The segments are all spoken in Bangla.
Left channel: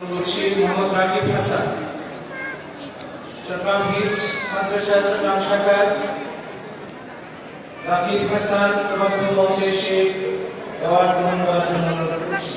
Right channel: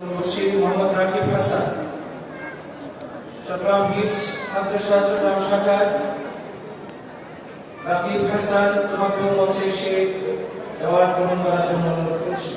বলছি মোহাম্মদ হাসান তোমাকে মঞ্চে এসে অ্যাওয়ার্ড গ্রহণ করার জন্য অনুরোধ করছি।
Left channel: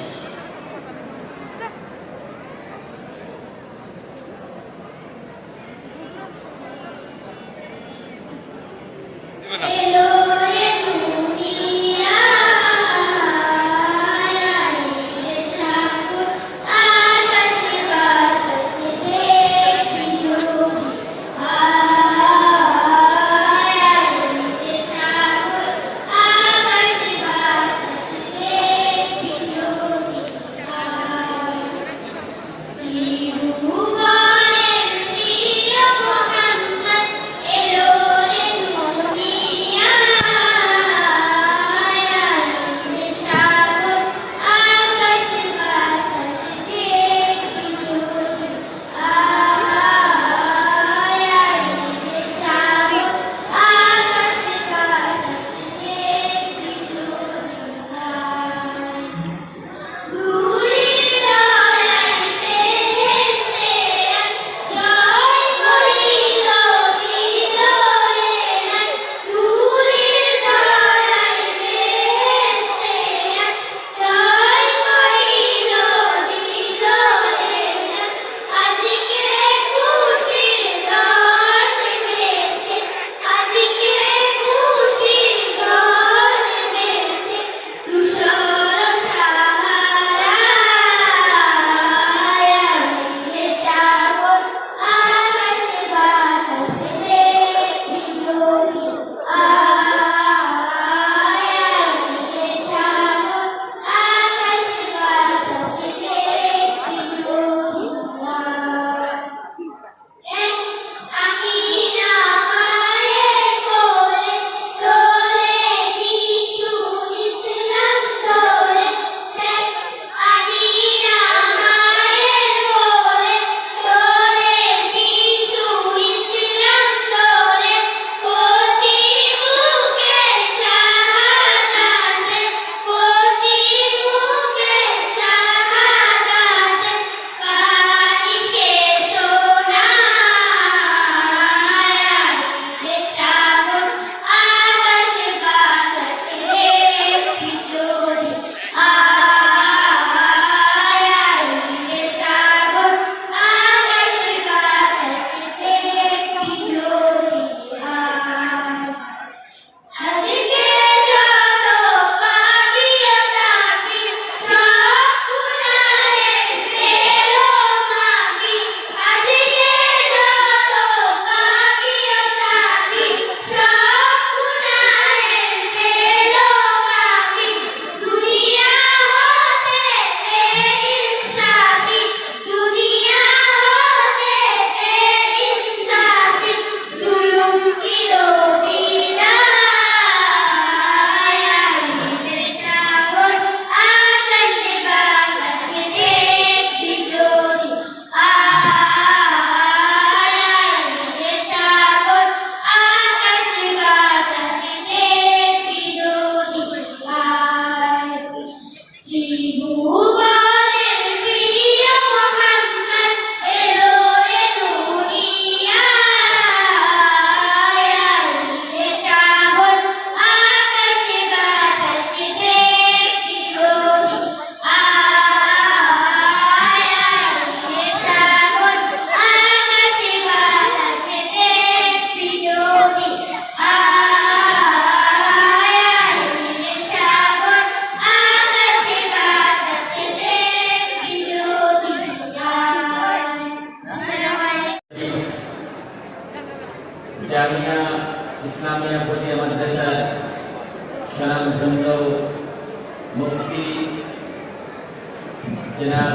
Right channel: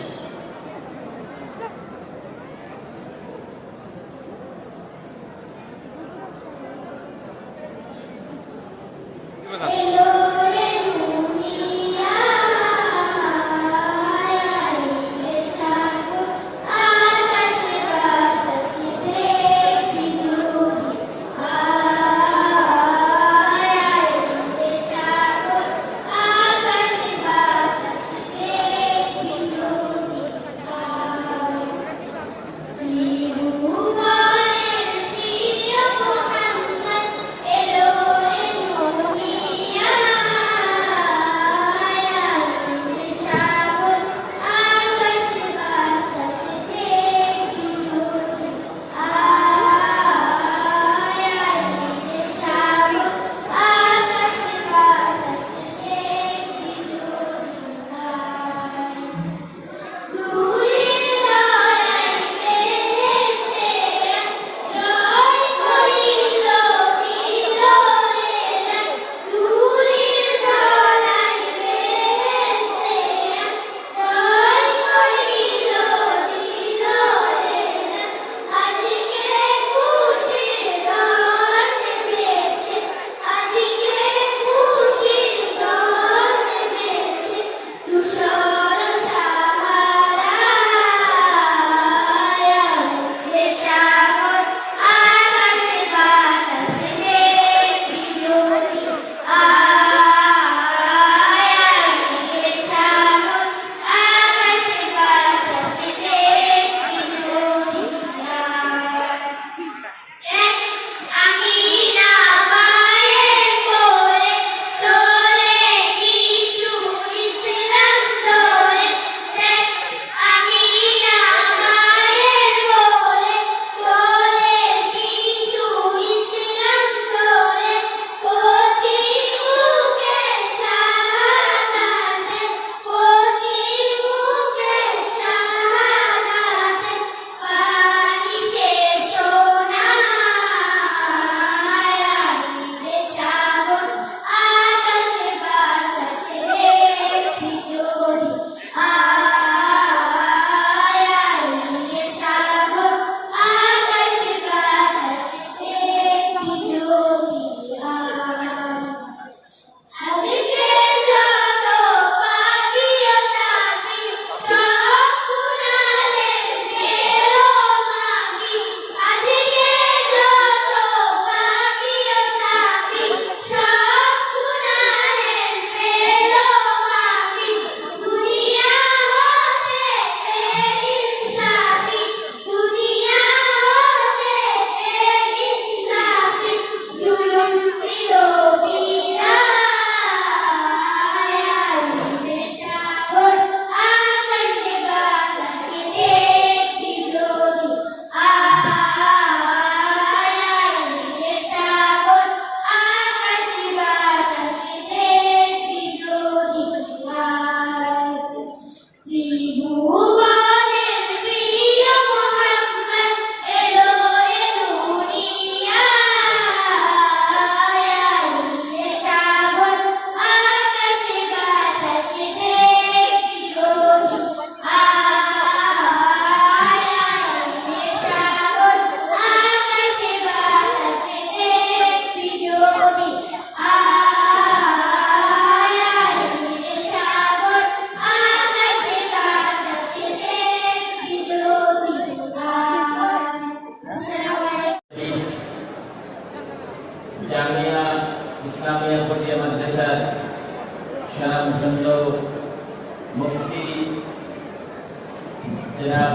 जनाब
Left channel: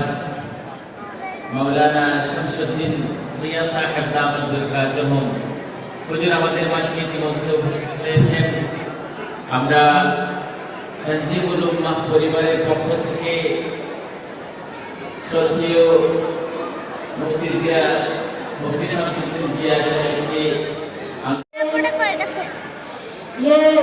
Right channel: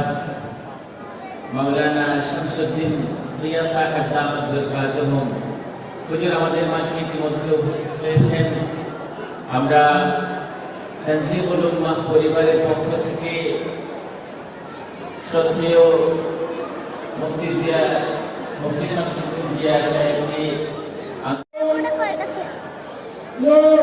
মৌলানা শামসুদ্দিন রিয়া সাহেব দামাদুরকাজহম হুজুর আমাদের মাঝে ইতিমধ্যে উপস্থিত হয়েছেন আমরা তঞ্জিবুল উম্মাহ পরিবারের পক্ষ থেকে শ্রদ্ধেয় মুফতি জিয়া মুফতি শামসুদ্দিন জিয়া সাহেবকে Yeah.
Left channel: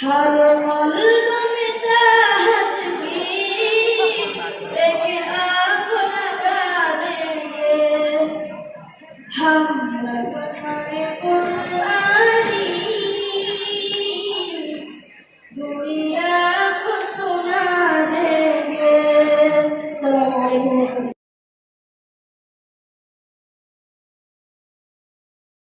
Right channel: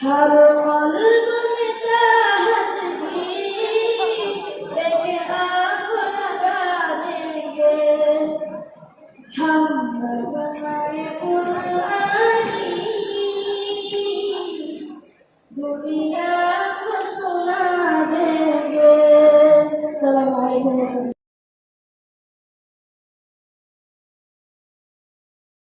Hallelujah.